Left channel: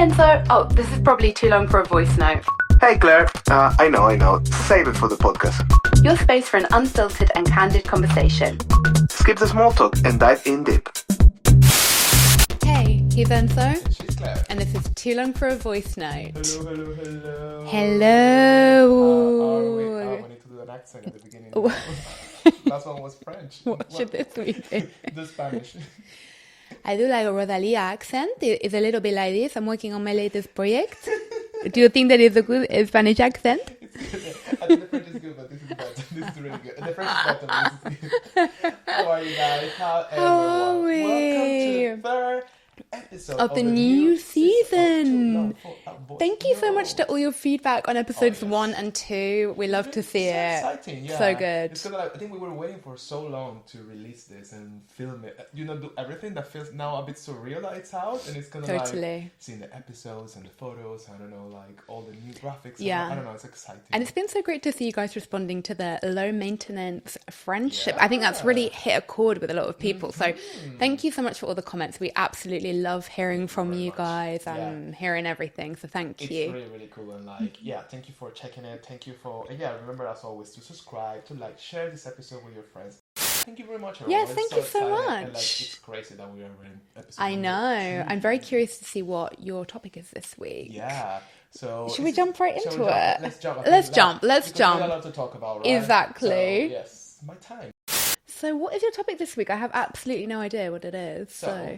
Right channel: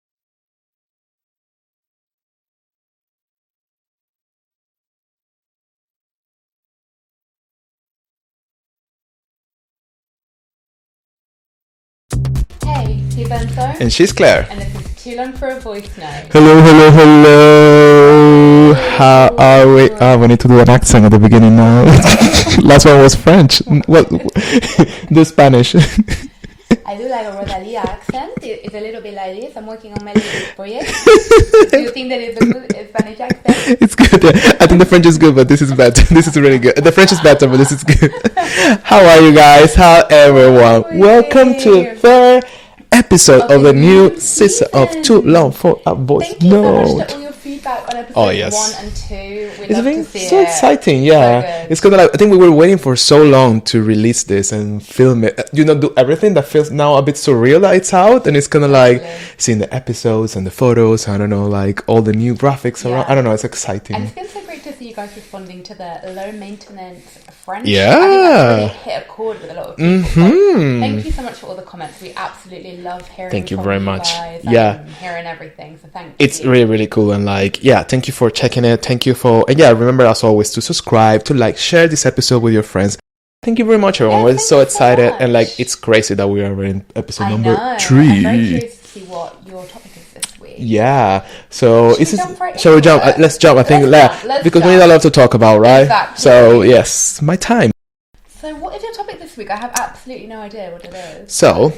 Enzo. Oh, this is probably too long for a voice note. Hey Claire, I know. Save it for the podcast. Your space for an unfiltered and candid conversation. Skip the small talk and dive in deep. Hey, he's Enzo. And she's Claire. And this is too long for a voice note. Hello. How are we? We need to do an accent at the beginning now. Last one was French. Well, the Spanish. I do like a Rodalia accent. It's a little bit like this. I'm working on my latest project. Do you think that it's a good Spanish accent? It's good. Yeah. I think the French is good, but this is better. This is really good. The French is better, but this is good. How are you guys? How everyone? Welcome to the episode of the new season of Too Long for a Voice Thank you so much Note. to all your feedback on episodes 1 and 2. We love to see so it. exciting, yeah. So good. It's kind of like, I think we were waiting for so long to release this and film it. Do everything that feels now a bit surreal that it's out, and it's kind of like seeing the episodes and the photos. I don't know, like all the new graphics. Yeah. I don't know. It's exciting. And it's been so great to see you guys responding to the low maintenance friendship. Yeah. I think that's really hit a chord with a lot of people. So thank you so much for all the comments. We absolutely love hearing from very you much. guys Yeah. and hearing everything. So thank you. It's really, really cool. And like, yeah, thank you for checking it. Thank you for, and yeah, remember as always to subscribe, to like, share this episode with your friends. Thank you very much, everyone. We're so excited. And like, it's crazy that we are in episode number 3. I'm very curious to see what your topic is this week. Yeah. So Shall we jump? Let's jump. I think Let's because jump. we need a lot to talk about, right? Exactly. So yes, my time. So what is your topic this week? I have absolutely no idea what it is. So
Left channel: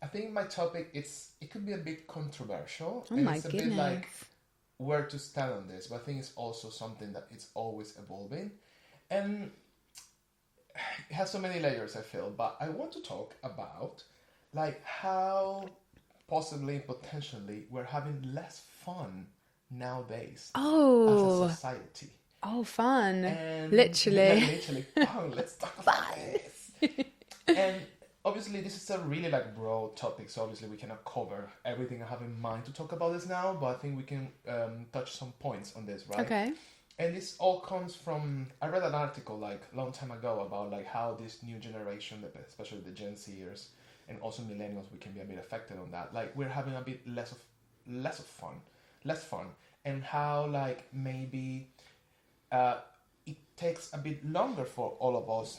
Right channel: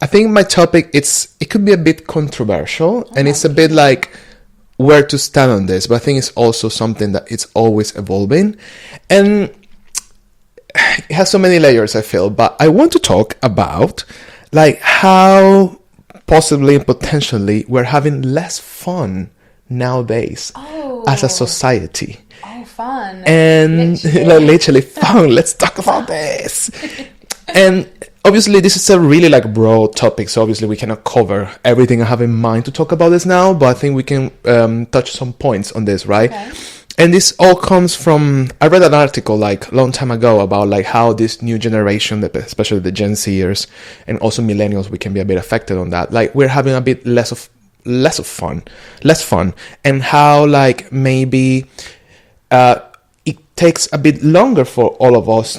I think my topic it could be a bit controversial, and it's a bit like where to stand on this, but I think it's also something that it's always evolving, and it has so many layers, I feel. But I want to talk about like how possibly and potentially we're having less fun nowadays as a society. Oh, fun. And literally fun. Let's talk about this. And obviously this is a really like broad topic, so obviously we cannot cover everything I have in mind to talk about this now, but I think we can touch some points on this, right? Okay. And this all comes from, I read an article like a long time ago about like how this new generation, especially the Gen Zers and also millennials, we can be a bit affected on that. Like we're having a bit less fun, and how like maybe it takes a bit longer for all of us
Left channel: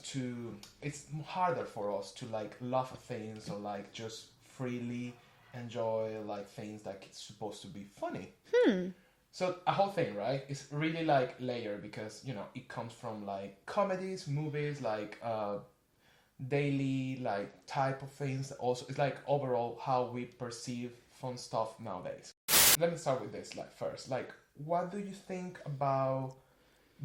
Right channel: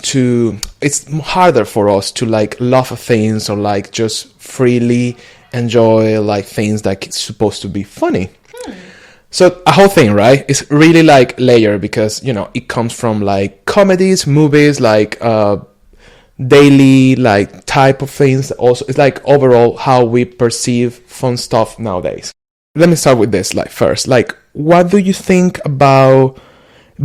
it's harder for us to like love things or like just freely enjoy like things that it's supposed to be funny. So a whole thing, right? It's really like layered because, it comes from like comedies, movies, like daily like type of things. Also, it's like overall how we perceive fun stuff nowadays. Let me start with this like first. Like, what do you think about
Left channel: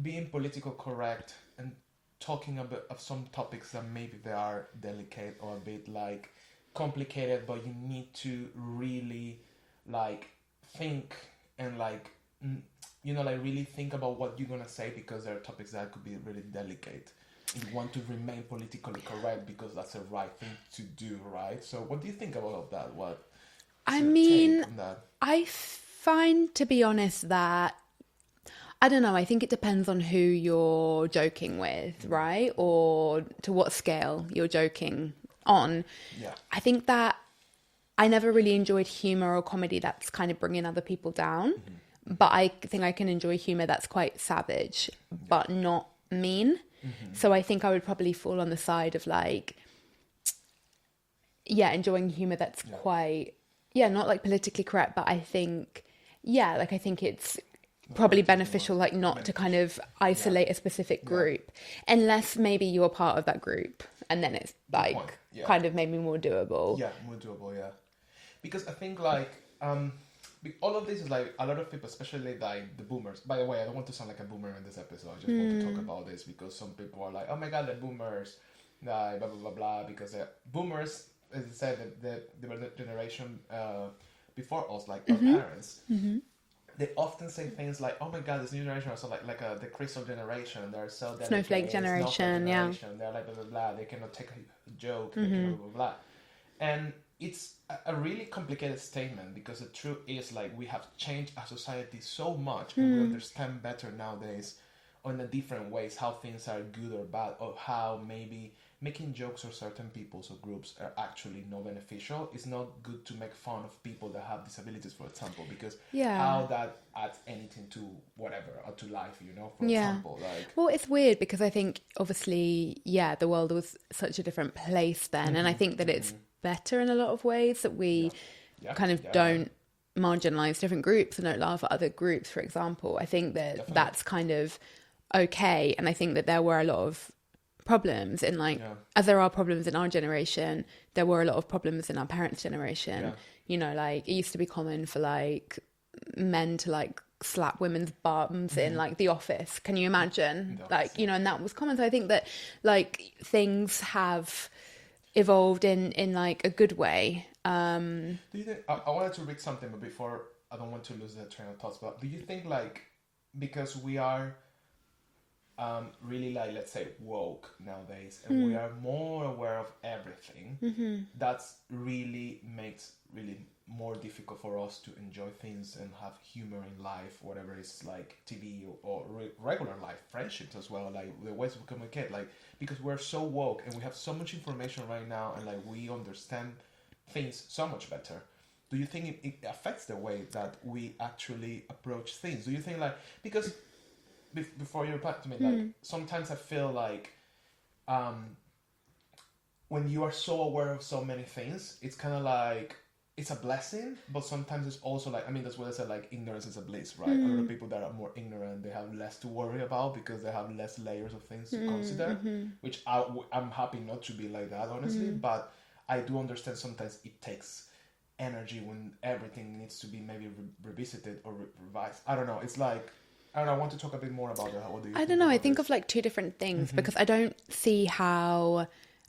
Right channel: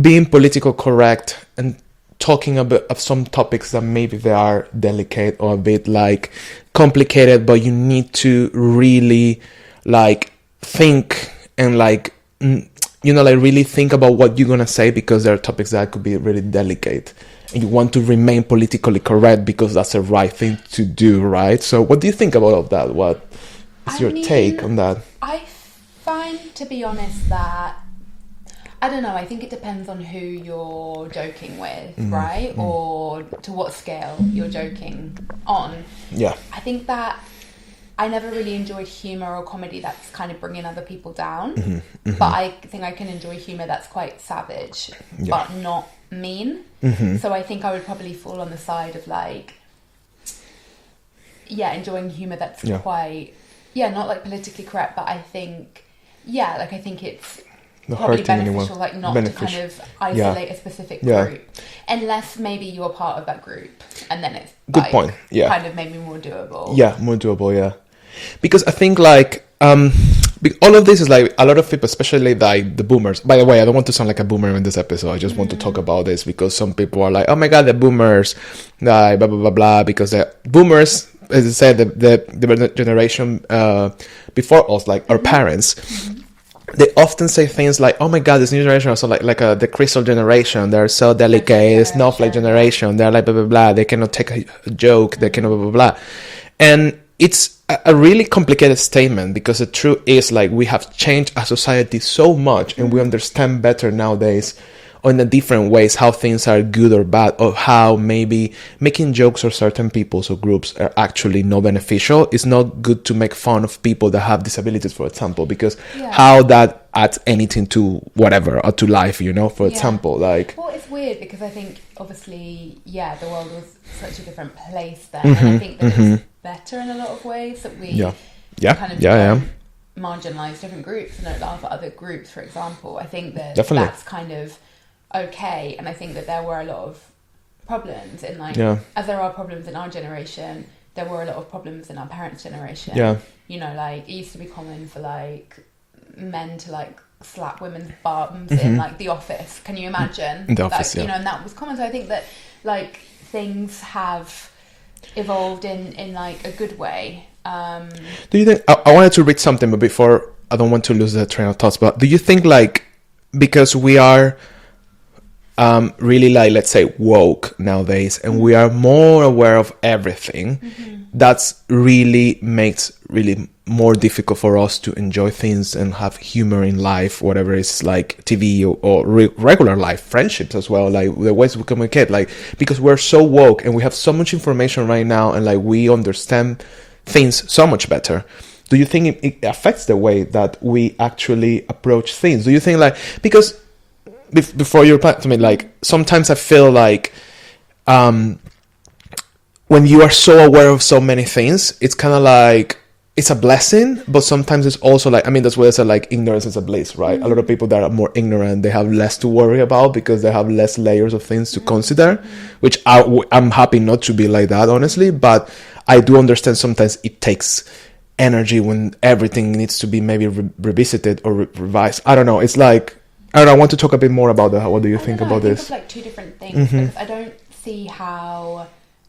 being politically correct and talking a bit of some topics that maybe they are delicate or a bit like complicated, but you need to really like think and like like really think about what you're gonna say, because there are topics that could be really delicate and you want to remain politically correct because that's the right thing to do, right? So what do you think about all of that? What is your take on that? I find, to be honest, that I don't know, I think it depends on who you're joking with, right? Or to what scale you're joking on. Yeah. I think that I never really enjoyed humour or comedy that's kind of bringing other people down. But I think I can enjoy humour that's quite savage, but not mean. So I think I would probably fall on the side of like, enjoying humour that's quite, not like politically correct, but I think, I think it's probably beneficial, like not to kind of isolate a specific group, unless maybe you're part of that group, and then it's good like, point. Yeah, kind of maybe more doable. Yeah, more doable. Yeah, because I think like all of this is like a lot of people, especially like the boomers. By the way, I don't want to sound like a boomer in this episode. I just want to talk about this because some people are like, "Oh my god, the boomers, blah blah blah blah," because the boomers, as I said, the generation before us, like our parents. They often say things like, "Oh my God, this new generation is so like the crystal generation. They're so delicate. Snowflake generation. They're like blah blah blah. They cannot take a joke. They cannot blah blah blah." And it's a really complicated statement, because the truth is like we have changed our society so much, and we understand better nowadays in the different ways how things are good or bad, or how maybe making jokes or certain peoples or groups are actually not beneficial. It's not good to make fun of people that have disabilities, for example, because how that adds anything to whatever, or to life, you know, for example, like. Well, it's weird because I think obviously, the world was such a different place then, and I think that it's better in a lot of ways that we kind of don't marginalise different groups and don't laugh at other groups, for example. I think that that's kind of okay, and I think that there were a lot of problems in as there are problems in our generation, there were a lot of problems in our parents' generation. You know, like it used to be common for like men to like slap women's bums in like the office. Can you imagine? In the office, you know, and that was common. So I think that like things have evolved in like a good way. Do you think, I wanted to read something, but before, I don't want to lose the train of thoughts, but do you think like, because we are really like, let's say, woke nowadays, and we are more aware of everything, that's really makes really more difficult for us to enjoy things and have humor in life, whatever it's like TV or regular life, friendships as well, like the ways we communicate, like, because we're so woke and we have so much information right now, and like we understand things so much better. Do you think it affects the way that we actually approach things? Do you think like, because before you reply to me, like sometimes I feel like when you are so aware of so many things, it's kind of like it's a blessing, but sometimes it's also like, I mean, that's why I said like ignorance is a bliss, right? A lot of people that are more ignorant, they have less to worry about because they have less layers of things to consider, which I'm happy not to be like that, honestly, but I do understand sometimes it takes energy when everything needs to be maybe revisited or revised. I don't know. It's like, I don't know, I want to talk a bit more about that. What do you think about this? I think of like two different things, because I don't see how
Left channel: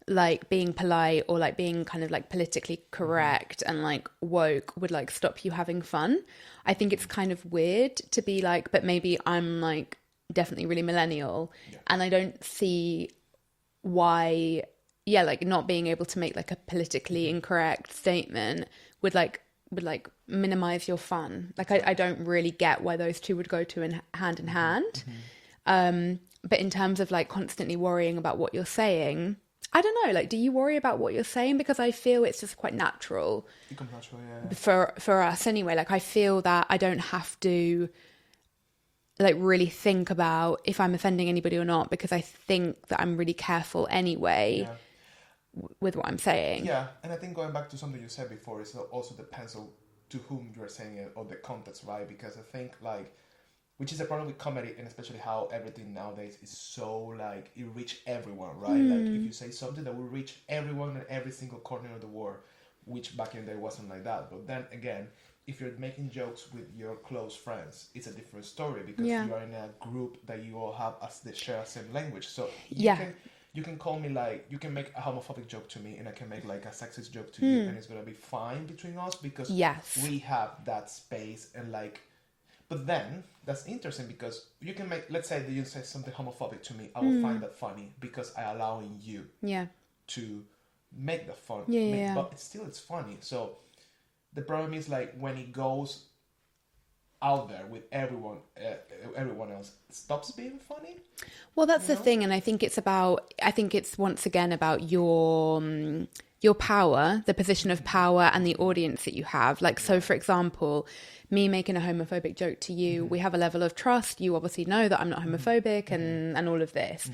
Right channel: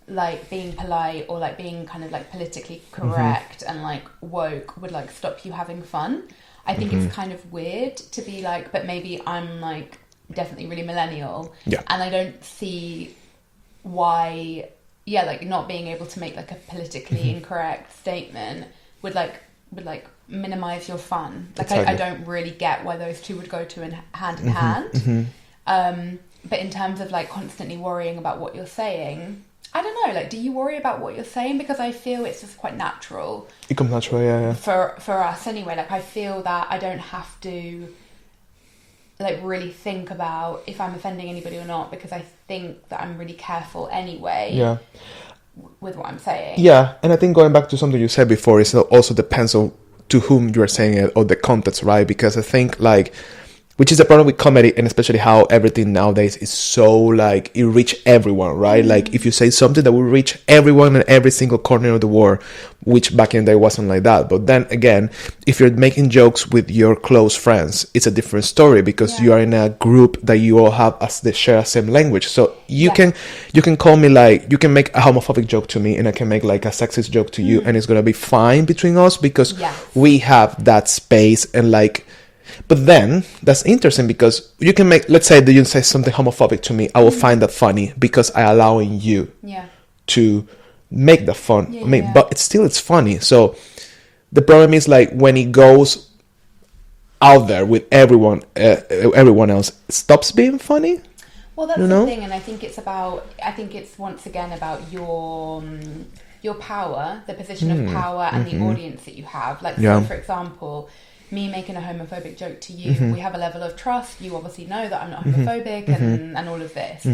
like being polite or like being kind of like politically correct and like woke would like stop you having fun. I think it's kind of weird to be like, but maybe I'm like definitely really millennial, and I don't see why like not being able to make like a politically incorrect statement would like minimize your fun. Like I don't really get why those two would go hand in hand. But in terms of like constantly worrying about what you're saying, I don't know, like do you worry about what you're saying? Because I feel it's just quite natural. It comes natural, for us anyway. Like I feel that I don't have to like really think about if I'm offending anybody or not, because I think that I'm really careful anyway with what I'm saying. Yeah, and I think going back to something you said before, it also depends on to whom you're saying it or the context, right? Because I think like, which is the problem with comedy, and especially how everything nowadays is so like it reach everyone, right? Like if you say something that will reach everyone in every single corner of the world, which back in the day wasn't like that. But then again, if you're making jokes with your close friends, it's a different story, because you are in a group that you all have they share the same language. So you can call me like, you can make a homophobic joke to me and I can make like a sexist joke to you, and it's gonna be fine between us because we have that space. And like, but then that's interesting because you can make, let's say that you say something homophobic to me, I will find that funny because I allowing you to make the fun. But it's funny. So the problem is like when it goes out there with everyone else, it stops being funny. Well, that's the thing, and I think it's once again about your power, the position of power, and the audience that you have. Like, so for example, me making a homophobic joke to you, we have a level of trust. You obviously know that I'm not homophobic and all of this.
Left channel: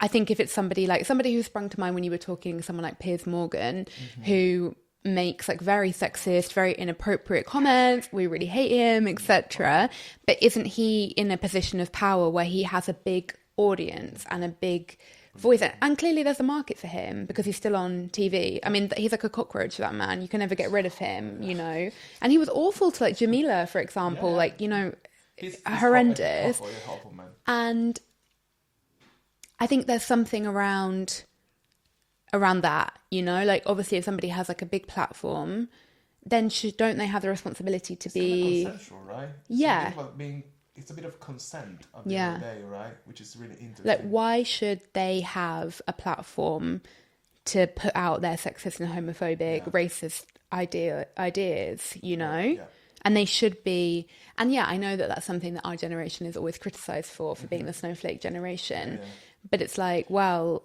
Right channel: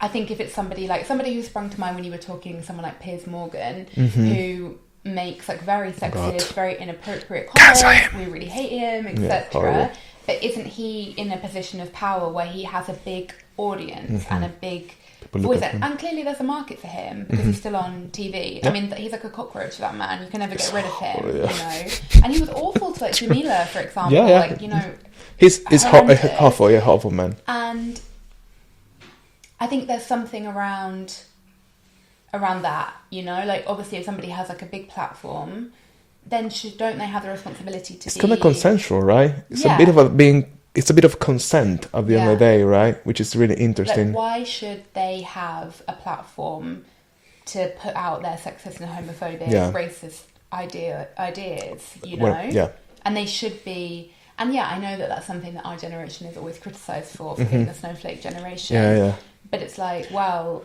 I think if it's somebody who sprung to mind when you were talking, someone like Piers Morgan, who makes like very sexist, very inappropriate comments, we really hate him, etc. But isn't he in a position of power where he has a big audience and a big voice? And clearly there's a market for him because he's still on TV. I mean, he's like a cockroach, that man. You can never get rid of him, you know. And he was awful to like Jamila, for example. Like, you know, he's awful man. And I think there's something around that, you know, like obviously if somebody has like a big platform, then don't they have the responsibility to be... It's kind of consensual, right? It's a bit of consent at the end of the day, right? Which is really interesting. Like, why should they have a platform to put out their sexist and homophobic, racist ideas, you know? And they should be... And yeah, I know that that's something that our generation is always criticised for being the snowflake generation. Yeah. But it's like, well,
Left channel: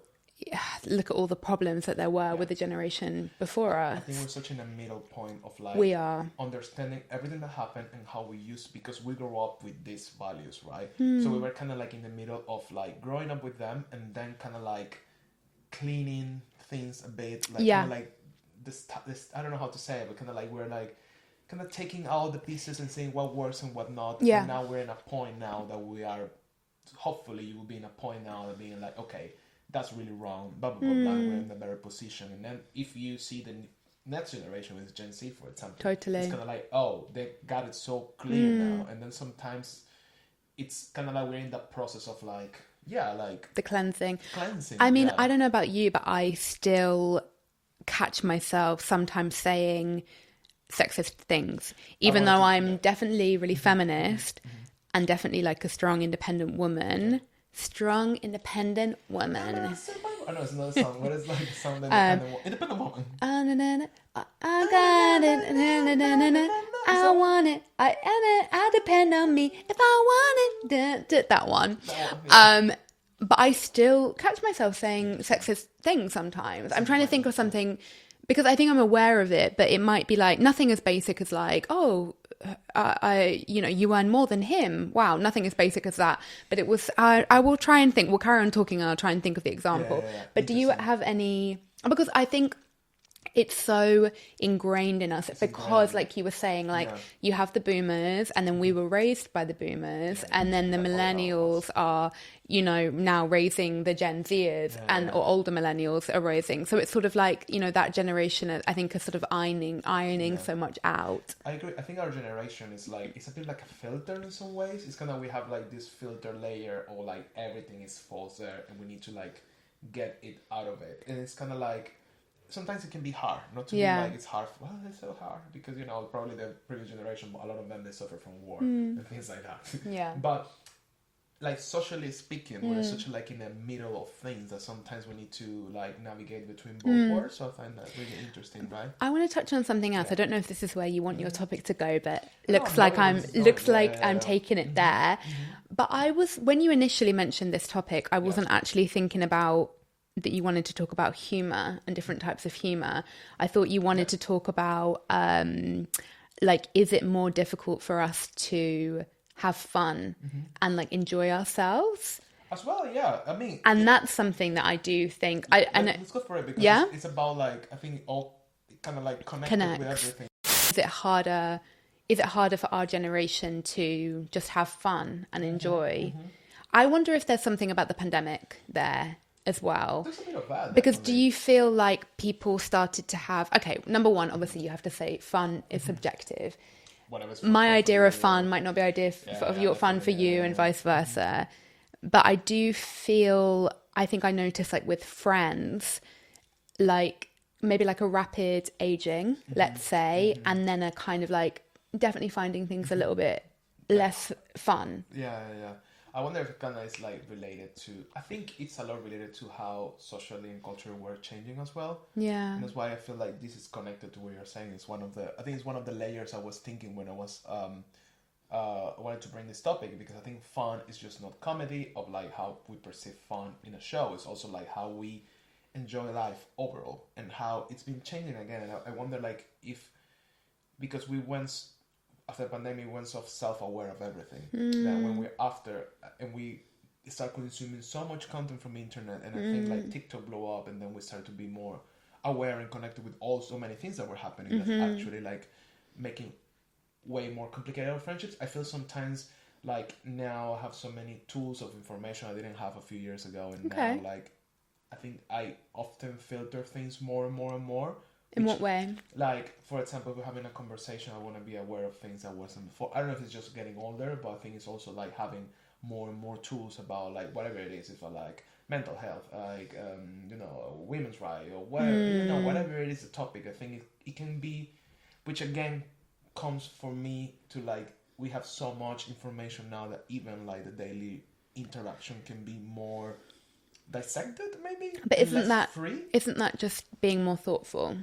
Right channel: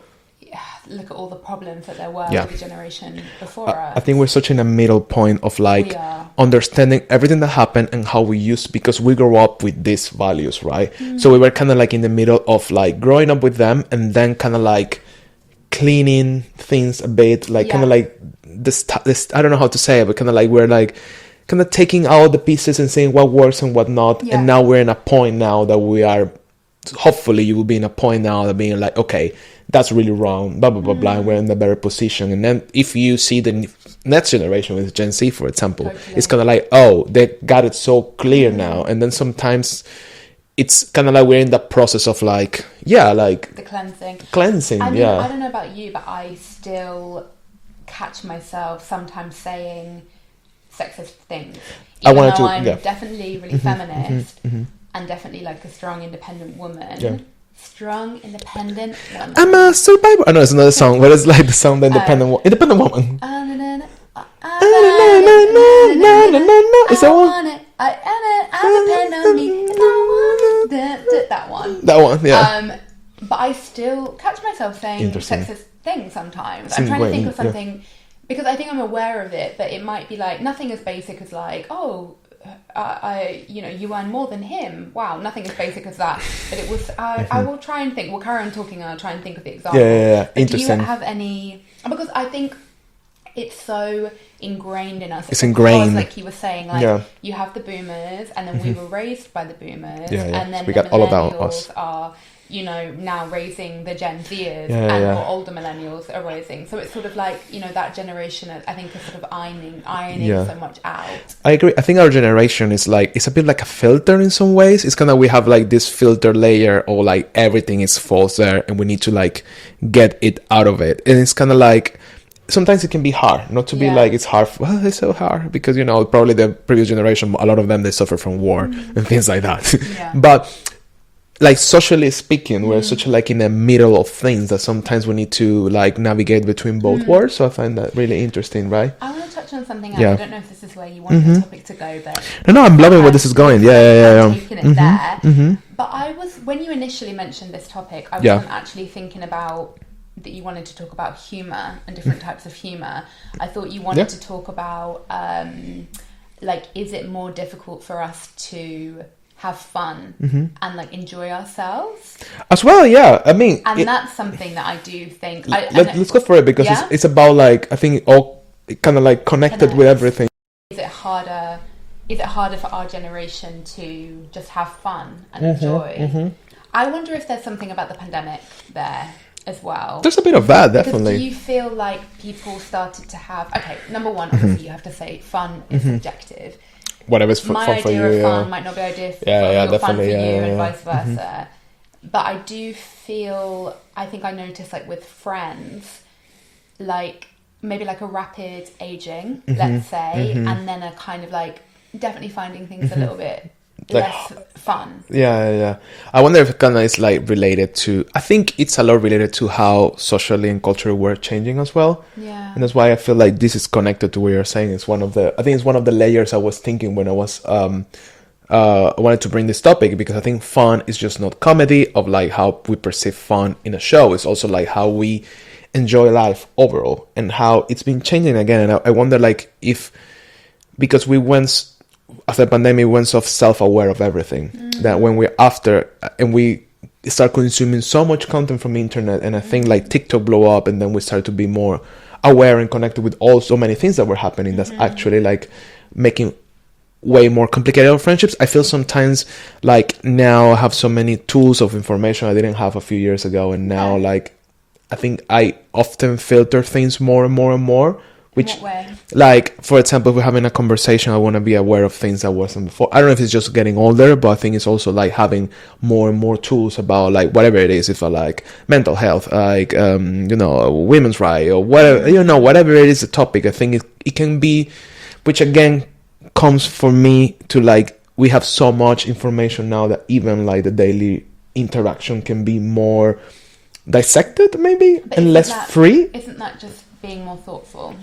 look at all the problems that there were with the generation before us. I think we're such in a middle point of like understanding everything that happened and how we used, because we grew up with these values, right? So we were kind of like in the middle of like growing up with them and then kind of like cleaning things a bit, like kind of like this, I don't know how to say it, but kind of like we're like kind of taking out the pieces and saying what works and what not. And now we're in a point now that we are, hopefully you will be in a point now that being like, okay, that's really wrong, blah, blah, blah, blah, and we're in a better position. And then if you see the next generation with Gen Z, for example, it's kind of like, oh, they got it so clear now. And then sometimes it's kind of like we're in that process of like, like... the cleansing. I mean, I don't know about you, but I still catch myself sometimes saying sexist things. Even though I'm definitely really feminist and definitely like a strong, independent woman... Strong, independent woman. I'm a survivor. I know it's another song, but it's like the song, the independent woman. Is that one? I depend on me if I want it. That one. That one, yeah. But I still catch myself saying sexist things sometimes. I'm trying to think of something because I think I'm aware of it, but it might be like nothing as basic as like, oh, you earn more than him. Wow, nothing as basic as that. But it was. I will try and think. We'll carry on talking, and I'll try and think of the example. Yeah. But do you have any? Because I think it's so ingrained in us. It's ingrained. Like you were saying, like you have the boomers, and then we were raised by the boomers, and then we the got all about millennials us. are. Now raising the Gen Zers or older millennials are raising. So it's sort of like, that generation, I think, is sort of ironing so much out. I agree. I think our generation is like, it's a bit like a filter in some ways. It's kind of, we have like this filter layer or like everything is false there and we need to like get it out of it. And it's kind of like, sometimes it can be hard, not to be like, it's hard. Well, it's so hard because, probably the previous generation, a lot of them, they suffer from war and things like that. But like socially speaking, we're such like in the middle of things that sometimes we need to like navigate between both worlds. So I find that really interesting, right? I want to touch on something else. I don't know if this is where you want the topic to go, but no, I'm loving where this is going. I'm taking it there. But when you initially mentioned this topic, I wasn't actually thinking about that you wanted to talk about humor and different types of humor. I thought you wanted to talk about like, is it more difficult for us to have fun and like enjoy ourselves as well? I mean, that's something that I do think let's go for it because it's about like, I think all kind of like connected with everything. Is it harder for our generation to just have fun and enjoy? I wonder if there's something about the pandemic there as well. There's a bit of that, definitely. Because do you feel like people started to have, number one, obviously you have to say fun is subjective. Whatever's fun my for idea you, of fun might not be idea fun for you, and vice versa. But I do feel, I think I notice like with friends, like maybe like a rapid aging, let's say, and then a kind of like definitely finding things a little bit less fun. I wonder if it kind of is like related to, I think it's a lot related to how socially and culturally we're changing as well. And that's why I feel like this is connected to what you're saying. It's one of the layers I was thinking when I was I wanted to bring this topic, because I think fun is just not comedy of like how we perceive fun in a show. It's also like how we enjoy life overall and how it's been changing again. And I wonder like if, because we went after the pandemic, we went so self-aware of everything that when we're after and we start consuming so much content from the internet, and I think like TikTok blew up, and then we started to be more aware and connected with so many things that were happening that's actually like making way more complicated our friendships. I feel sometimes like now I have so many tools of information I didn't have a few years ago, and now like I think I often filter things more and more and more. Which, in what way? Like, for example, if we're having a conversation, I want to be aware of things that wasn't before. I don't know if it's just getting older, but I think it's also like having more and more tools about like whatever it is, if I like mental health, like, women's right or whatever, whatever it is, the topic. I think it can be, which again comes for me to like, we have so much information now that even like the daily interaction can be more dissected maybe and less free. Isn't that just being more thoughtful?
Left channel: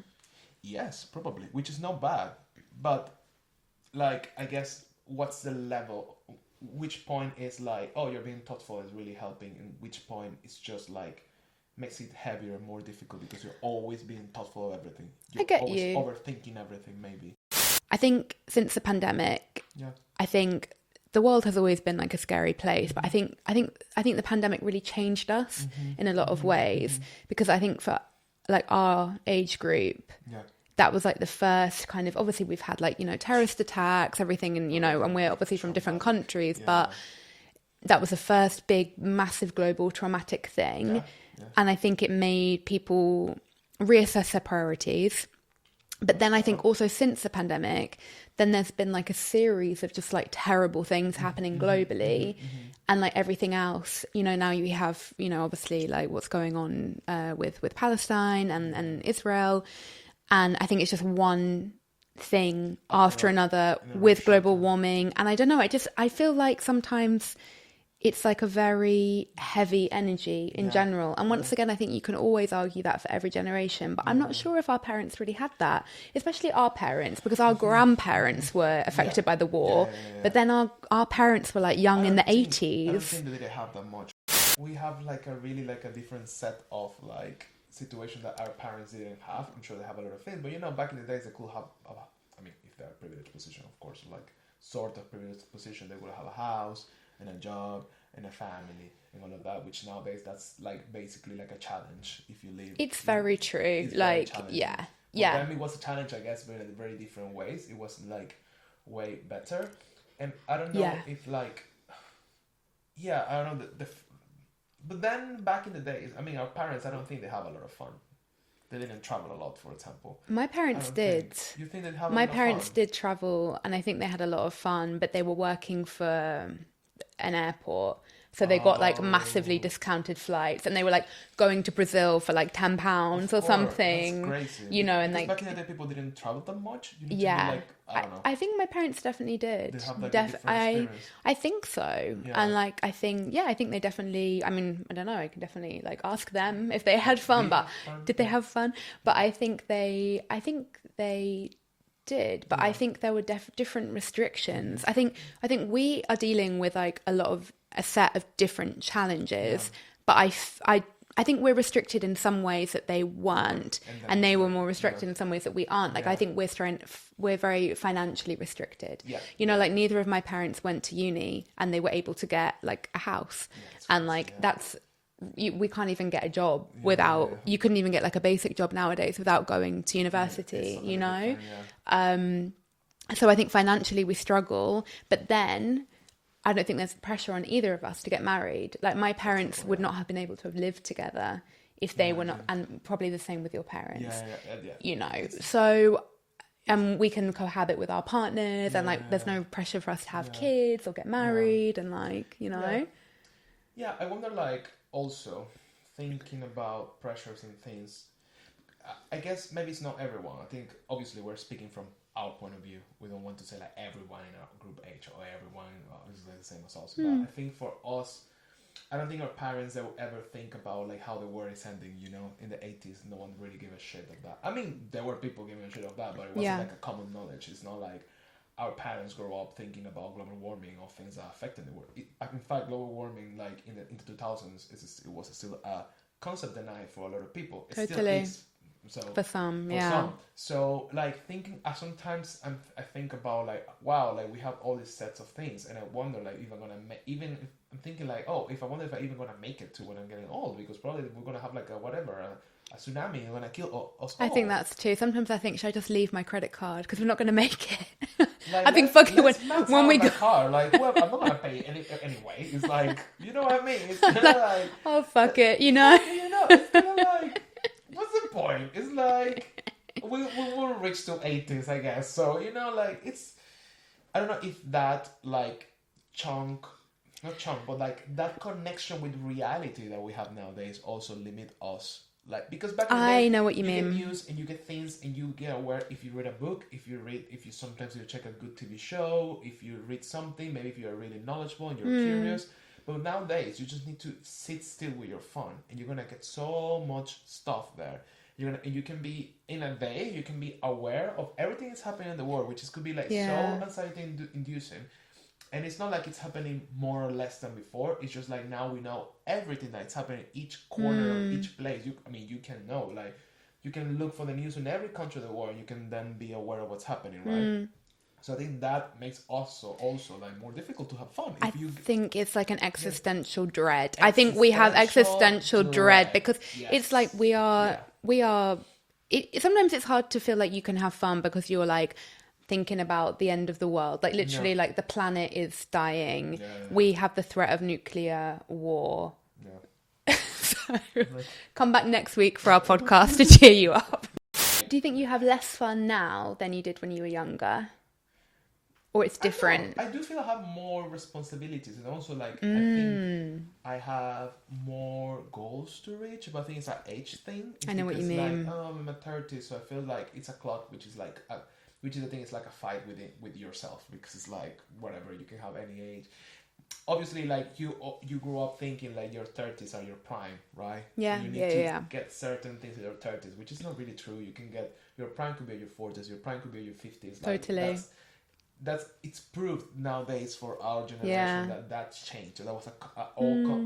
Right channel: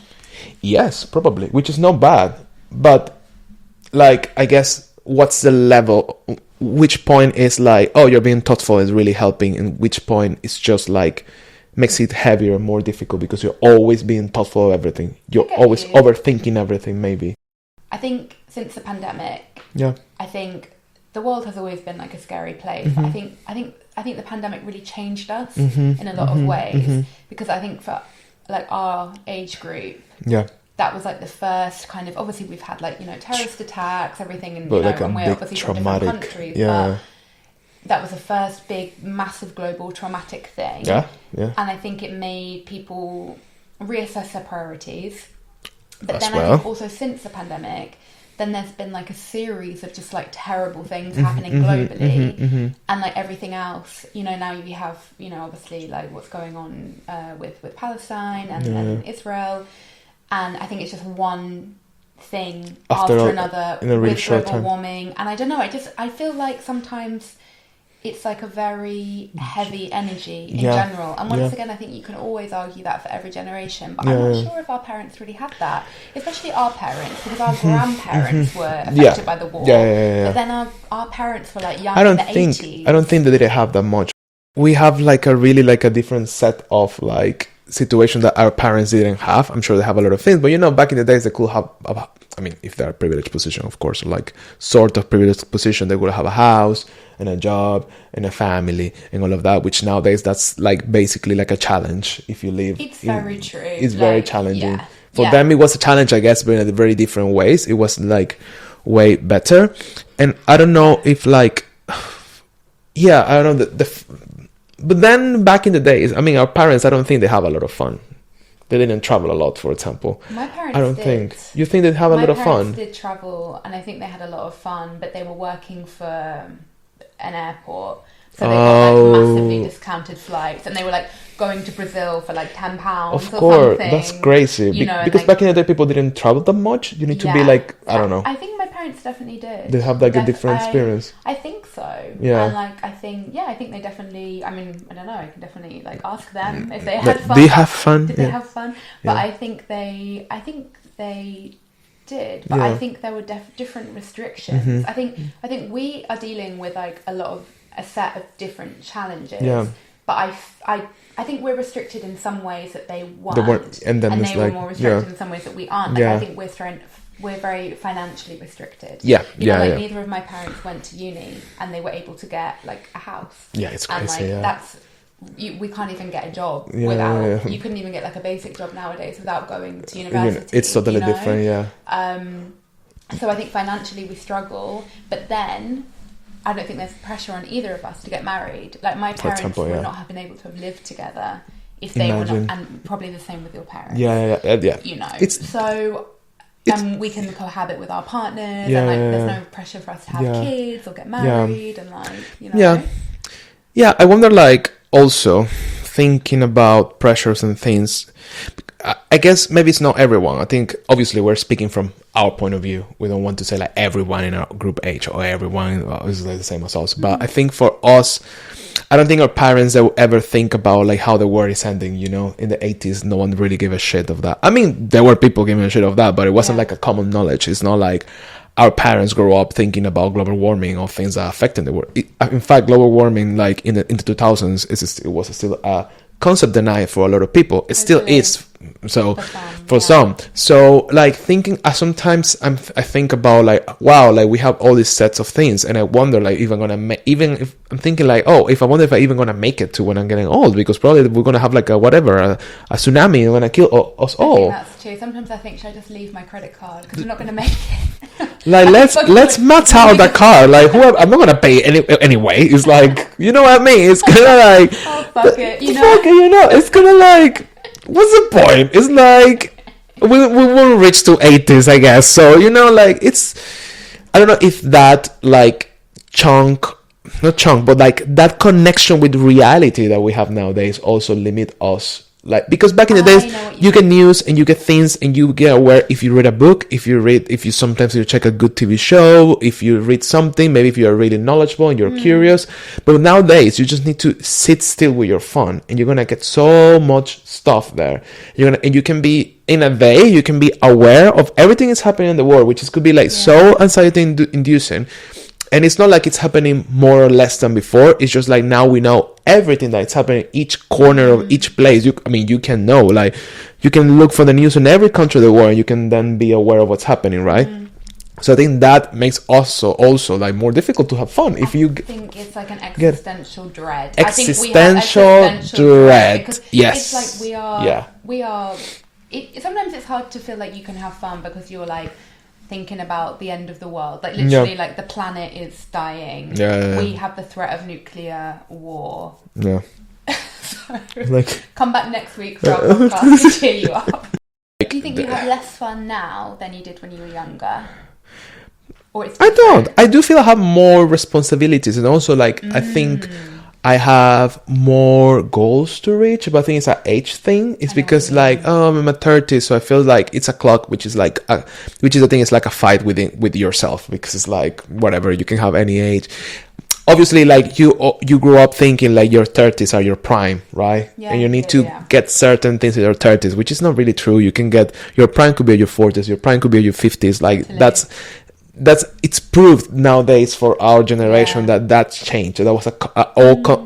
Yes, probably, which is not bad, but like I guess what's the level, which point is like, oh, you're being thoughtful is really helping, and which point is just like makes it heavier and more difficult because you're always being thoughtful of everything. You're always overthinking everything, maybe. I think since the pandemic, I think the world has always been like a scary place, but I think the pandemic really changed us in a lot of ways, because I think for like our age group, that was like the first kind of, obviously we've had like, you know, terrorist attacks, everything, and you know, and we're obviously from different countries, but that was the first big, massive global traumatic thing. And I think it made people reassess their priorities. But then I think also since the pandemic, then there's been like a series of just like terrible things happening globally, and like everything else, you know, now you have, you know, obviously like what's going on with Palestine and Israel, and I think it's just one thing after another with global warming, and I don't know, I feel like sometimes it's like a very heavy energy in general. And once again, I think you can always argue that for every generation, but I'm not sure if our parents really had that, especially our parents, because our grandparents were affected by the war. But then our parents were like young in the 80s. I don't think that they have that much. We have like a really like a different set of like situation that our parents didn't have. I'm sure they have a lot of things, but you know, back in the days they could have, I mean, if they're a privileged position, of course, like sort of privileged position, they would have a house and a job and a family and all of that, which nowadays that's like basically like a challenge if you live. It's very true. It's like, very challenging. For them, it was a challenge, I guess, but in a very different ways. It was like way better. And I don't know if like, I don't know. But then back in the days, I mean, our parents, I don't think they have a lot of fun. They didn't travel a lot, for example. My parents I don't did. think. You think they'd have a lot of fun? My parents did travel, and I think they had a lot of fun, but they were working for an airport, so they got like massively discounted flights, and they were like going to Brazil for like £10 or something. Of course, that's crazy. You know, because like, back in the day, people didn't travel that much. You need to be like, I don't know. I think my parents definitely did. They have like a different experience. I think so. Yeah. And like, I think they definitely, I mean, I don't know, I can definitely like ask them if they had fun. Did they have fun? Did they have fun? But I think they did, but I think there were different restrictions. I think we are dealing with like a set of different challenges, but I think we're restricted in some ways that they weren't, and they were more restricted in some ways that we aren't. Like I think we're very financially restricted. Neither of my parents went to uni, and they were able to get like a house. It's crazy. And like we can't even get a job without. You couldn't even get like a basic job nowadays without going to university. It's totally different. So I think financially we struggle, but then I don't think there's pressure on either of us to get married. Like my parents would not have been able to have lived together if they were not, and probably the same with your parents. You know, and we can cohabit with our partners, and like there's no pressure for us to have kids or get married, and like, you know. I wonder, like, also thinking about pressures and things. I guess maybe it's not everyone. I think obviously we're speaking from our point of view. We don't want to say like everyone in our group age or everyone is like the same as us. But I think for us, I don't think our parents they will ever think about like how the world is ending. You know, in the 80s, no one really gave a shit of that. I mean, there were people giving a shit of that, but it wasn't like a common knowledge. It's not like our parents grew up thinking about global warming or things that are affecting the world. In fact, global warming, like in the 2000s, it was still a concept denied for a lot of people. It still is. So for some, so like thinking, sometimes I think about like, wow, like we have all these sets of things, and I wonder like if I'm gonna even if I'm thinking like, if I wonder if I even gonna make it to when I'm getting old, because probably we're gonna have like a tsunami and gonna kill us all. I think that's true. Sometimes I think, should I just leave my credit card because we're not gonna make it? Like let's max out the car. Like I'm not gonna pay anyway. It's like, you know what I mean? It's kind of like fuck it, you know. It's kind of like, what's the point? It's like we will reach to 80s, I guess. So, you know, like it's, I don't know if that like not chunk, but like that connection with reality that we have nowadays also limit us. Like, because back in the days, you get news and you get things and you get aware if you read a book, if you sometimes you check a good TV show, if you read something, maybe if you are really knowledgeable and you're curious. But nowadays, you just need to sit still with your phone and you're going to get so much stuff there. And you can be in a day, you can be aware of everything that's happening in the world, which is, could be like so anxiety inducing. And it's not like it's happening more or less than before. It's just like now we know everything that's happening in each corner of each place. You can know, like, you can look for the news in every country of the world, and you can then be aware of what's happening, right? So I think that makes also like more difficult to have fun. If you think it's like an existential dread. I think we have existential dread because it's like we are. Sometimes it's hard to feel like you can have fun because you're like thinking about the end of the world, like literally like the planet is dying. We have the threat of nuclear war. So like, come back next week for our podcast to cheer you up. Do you think you have less fun now than you did when you were younger? Or it's different? I don't. I do feel I have more responsibilities, and also like I think I have more goals to reach, but I think it's an age thing. It's because like, I'm in my 30s, so I feel like it's a clock, which is like, which is the thing, it's like a fight with yourself, because it's like, whatever, you can have any age. Obviously, like you grew up thinking like your 30s are your prime, right? And you need to get certain things in your 30s, which is not really true. You can get, your prime could be at your 40s, your prime could be at your 50s. Like that's it's proved nowadays for our generation that's changed. That was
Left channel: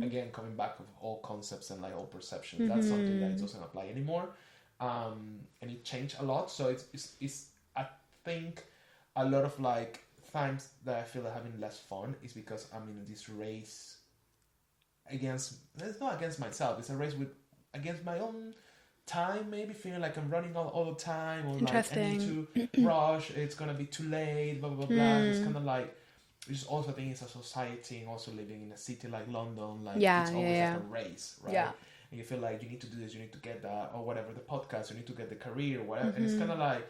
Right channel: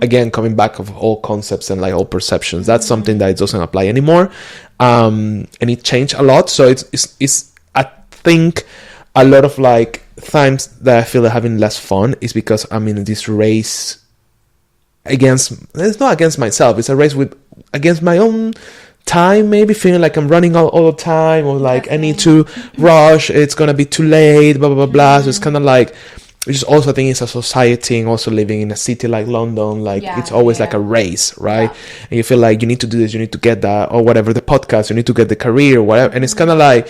again coming back of all concepts and like all perceptions. That's something that doesn't apply anymore, and it changed a lot. So it's I think a lot of like times that I feel like having less fun is because I'm in this race it's not against myself. It's a race against my own time, maybe feeling like I'm running all the time, or like I need to rush, it's gonna be too late, blah blah blah blah. So it's kind of like, which is also, I think, it's a society, and also living in a city like London, like it's always like a race, right? And you feel like you need to do this, you need to get that, or whatever, the podcast, you need to get the career, whatever. And it's kind of like,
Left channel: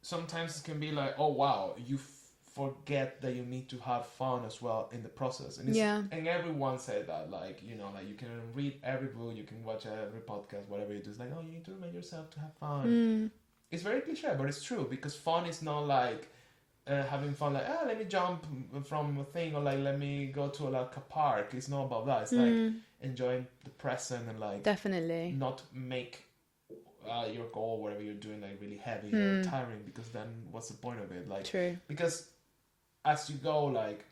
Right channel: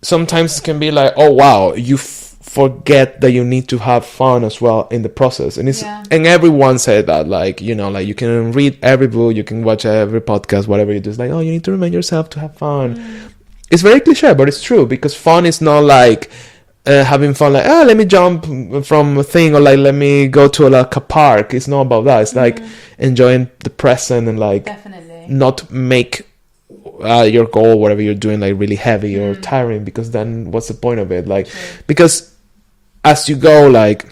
sometimes it can be like, oh wow, you forget that you need to have fun as well in the process. And it's and everyone said that, like, you know, like you can read every book, you can watch every podcast, whatever you do, it's like, oh, you need to remind yourself to have fun. It's very cliche, but it's true, because fun is not like having fun like, let me jump from a thing, or like let me go to like a park. It's not about that. It's like enjoying the present, and like not make your goal, whatever you're doing, like really heavy or tiring, because then what's the point of it? Like, because as you go, like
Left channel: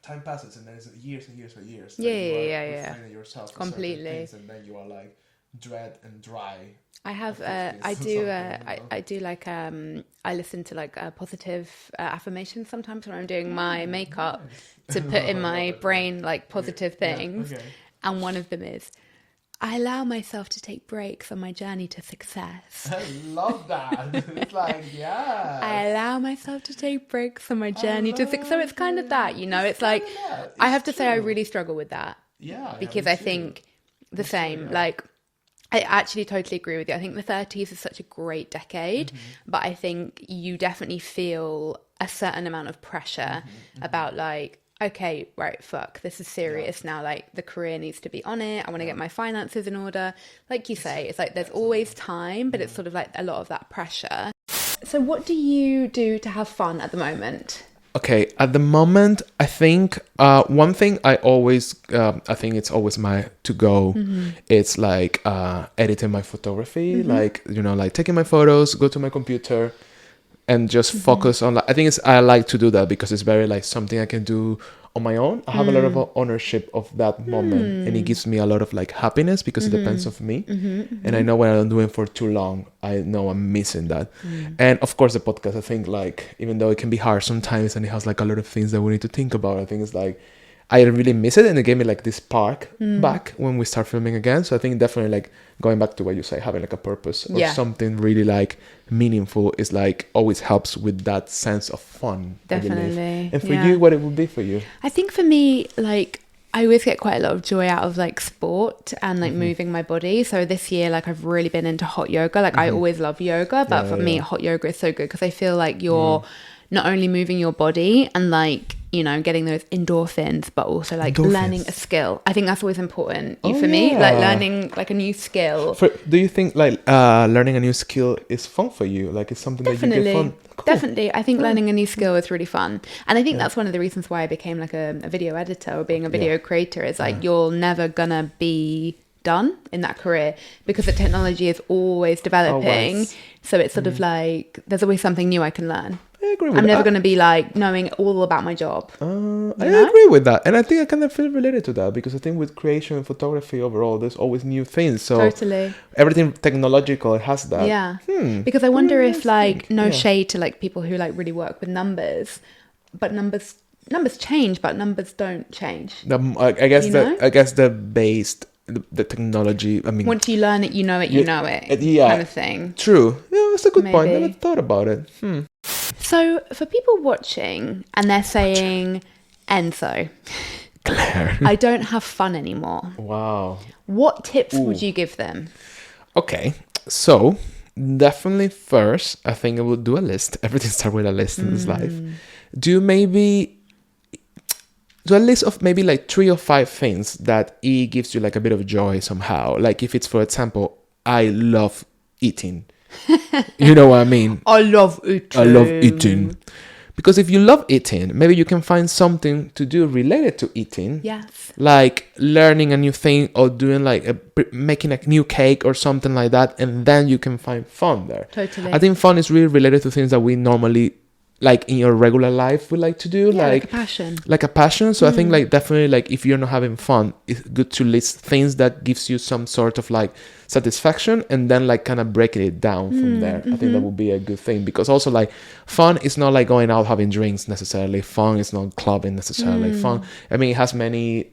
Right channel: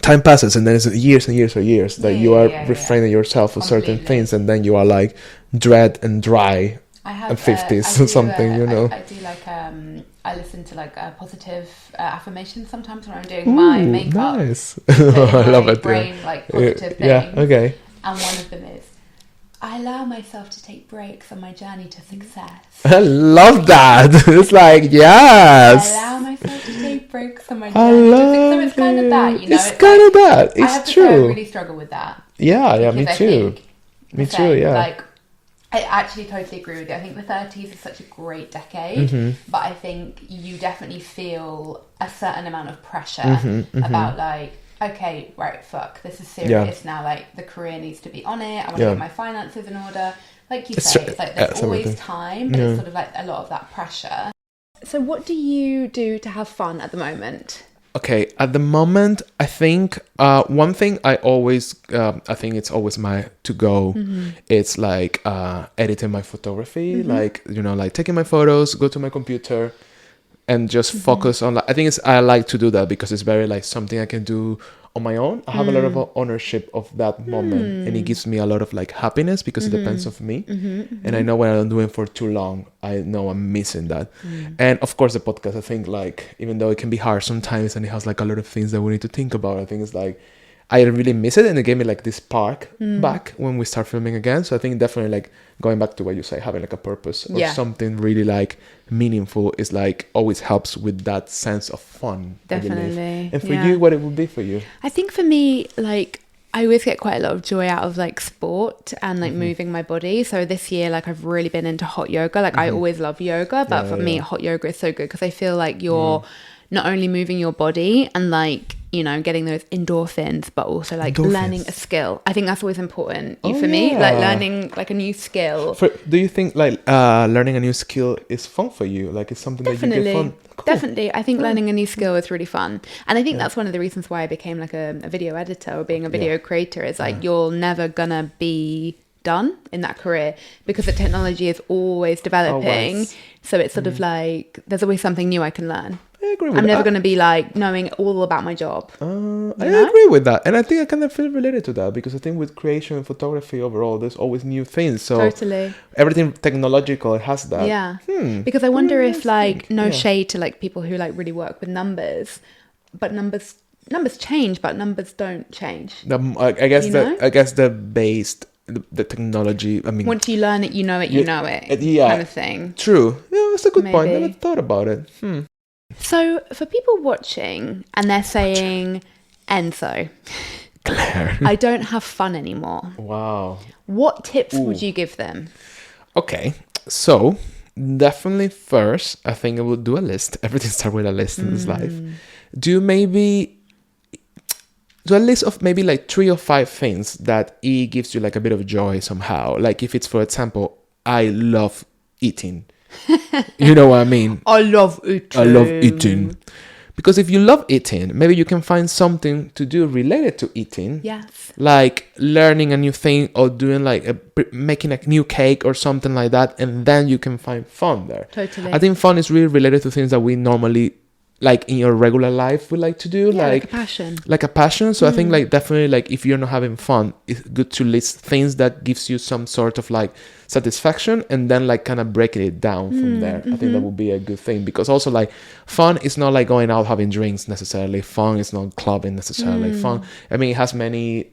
time passes, and then it's years and years or years that you are refraining yourself for certain things, and then you are like dread and dry at 50s or something, you know. I do like I listen to like positive affirmations sometimes when I'm doing my makeup. Nice. I love it. Brain like positive things. Okay. And one of them is, I allow myself to take breaks on my journey to success. I love that. It's like, yes. I allow myself to take breaks on my journey to success. So it's kind of that, you know. It's kind of that. It's I have to true. say, I really struggle with that. Yeah, me too. I think me too, yeah. Like, I actually totally agree with you. I think the 30s is such a great decade, but I think you definitely feel a certain amount of pressure about like, okay, right, fuck, this is serious now. Like, the career needs to be on it. I want to get my finances in order. Like you say, it's like there's always time, but it's sort of like a lot of that pressure. So what do you do to have fun at the moment? Okay, at the moment, I think one thing I always, I think it's always my to-go. It's like editing my photography, like, you know, like taking my photos, go to my computer, and just focus on, like, I think I like to do that because it's very like something I can do on my own. I have a lot of ownership of that moment, and it gives me a lot of like happiness because it depends on me. And I know when I'm doing for too long, I know I'm missing that. And of course the podcast, I think, like, even though it can be hard sometimes and it has like a lot of things that we need to think about, I think it's like I really miss it, and it gave me like this spark back when we start filming again. So I think definitely like going back to what you say, having like a purpose or something really like meaningful is like always helps with that sense of fun. Definitely. And for you, what it would be for you? I think for me, like, I always get quite a lot of joy out of like sport and like moving my body. So this year, like, I've really been into hot yoga. Like, I always love yoga, but for me, hot yoga is so good because I feel like you're not only moving your body and like, you know, getting those endorphins, but also like learning a skill. I think that's always important for me, like learning like a new skill. Do you think like learning a new skill is fun for you? Like, it's something that you get fun? Cool. Definitely. I think learning a new skill is really fun. And I think that's one of the reasons why I became like a video editor or being a video creator is like you're never gonna be done in that career, because the technology is always developing. Always. So it's sort of like there's always something new I can learn. I agree with I'm that. never going to be like knowing all about my job. I agree with that, and I think I kind of feel related to that, because I think with creation and photography overall, there's always new things. So Totally. everything technological has that. Yeah. Because I wonder if like Yeah. shade to like people who like really work with numbers, but numbers change, but numbers don't change. I guess You that know? I guess the technology. I mean, Once you learn it, you know it, you know it. yeah. Kind of thing. True. Yeah, that's a good point. Maybe. Never thought about it. So for people watching and they're saying, Enzo, Claire. I don't have fun anymore. Wow. What tips would you give them? Okay, so definitely first, I think I will do a list. Everything starts with a list in this life. Do a list of maybe like 3 or 5 things that it gives you like a bit of joy somehow. Like if it's, for example, I love eating. You know what I mean? I love eating. Because if you love eating, maybe you can find something to do related to eating. Yes. Like learning a new thing or doing like making a new cake or something like that. And then you can find fun there. Totally. I think fun is really related to things that we normally, like in your regular life, we like to do. Yeah, like a passion. Like a passion. So I think like definitely like if you're not having fun, it's good to list things that gives you some sort of like satisfaction, and then like kind of breaking it down from there. I think that would be a good thing, because also like fun is not like going out having drinks necessarily. Fun is not clubbing necessarily. Fun, I mean, it has many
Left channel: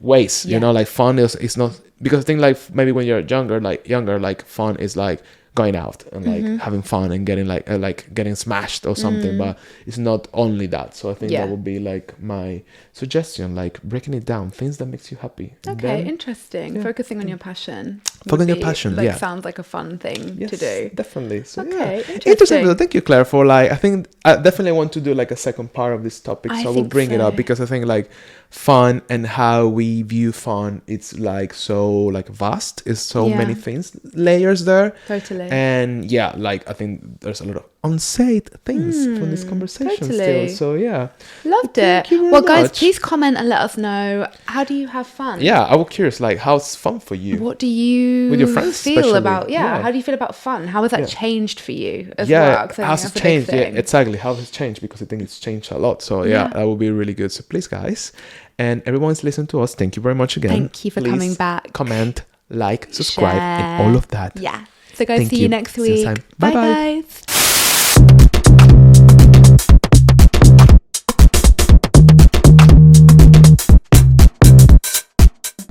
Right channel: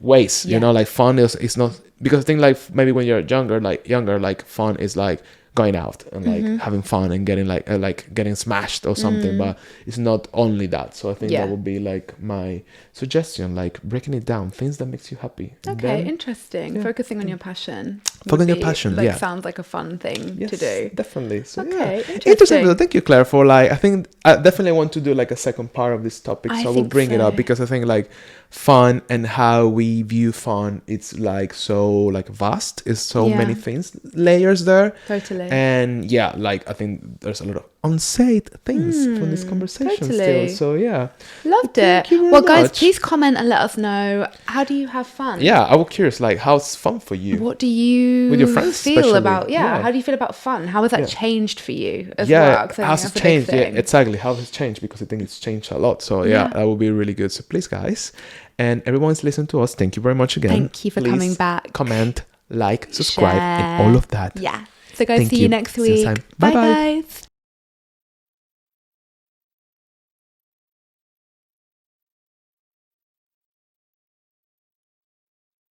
ways, you know, like fun is not, because I think like maybe when you're younger, like fun is like going out and like having fun and getting like getting smashed or something, but it's not only that. So I think that would be like my suggestion, like breaking it down, things that makes you happy. And Okay, then, interesting. Focusing on your passion. Focus on your would be, passion, like, yeah. sounds like a fun thing yes, to do. definitely. So Okay, yeah, interesting. So thank you, Claire, for like, I think I definitely want to do like a second part of this topic, I so I will think bring it so. up, because I think like fun and how we view fun, it's like so like vast, it's so Yeah. many things, layers there. Totally. And yeah, like I think there's a lot of unsaid things from this conversation totally. still. So yeah, Loved Thank it. you very Well, guys, much. please comment and let us know, how do you have fun? yeah, I was curious, like how's fun for you? What do you With your friends feel especially. about? Yeah. Yeah. How do you feel about fun? How has that Yeah. changed for you as Yeah, well? 'Cause I think how's that's it a big changed? Yeah, thing. exactly. How has it changed? Because I think it's changed a lot. So yeah, that would be really good. So please, guys, and everyone's listening to us, thank you very much again. Thank you for Please coming back. Comment, like, subscribe, and Share. all of that. Yeah. So guys, Thank see you. you next See you week. next time. Bye Bye-bye. guys.